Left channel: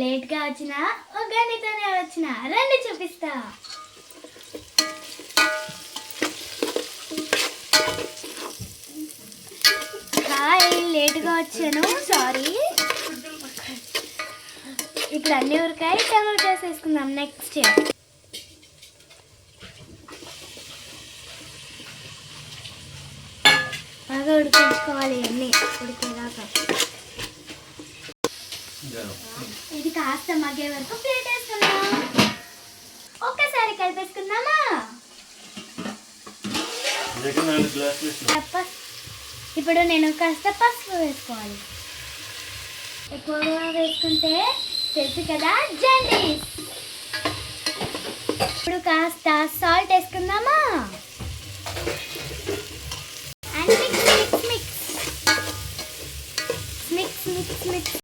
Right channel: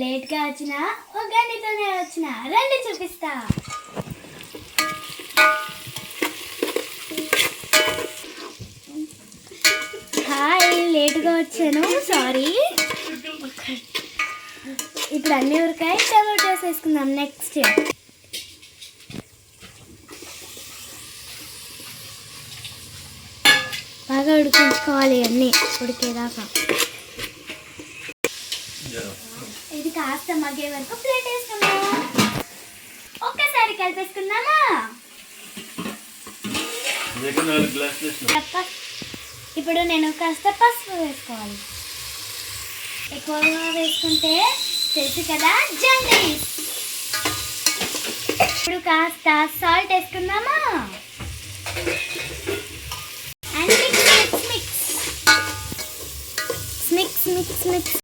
లేట్గా వచ్చిన ఉగాదితోనే వచ్చిన రండి చూపిస్తా. హాయ్, లేట్గా వచ్చాను, సారీ. ఇప్పుడు అన్ని ఉరకాయ టమాటోస్ వేసుకుందాం. నెక్స్ట్ బాగా ఉడికించుకోవాలి, అన్నీ ఉడికేదాకా. ఇది కాస్త మగ్గే వరకు ప్లేట్ వేసుకుందాం. ఒక్కసారి కలిపేసుకుందామా? ఇప్పుడు నేను కాస్త పసుపు వేసుకోవాలి. ఎక్కువగా వేసుకుంటే తెలుసు కదా, జాండీస్. ఇప్పుడు కాస్త సాల్ట్ వేసుకుందామా? And mix mix mix mix mix mix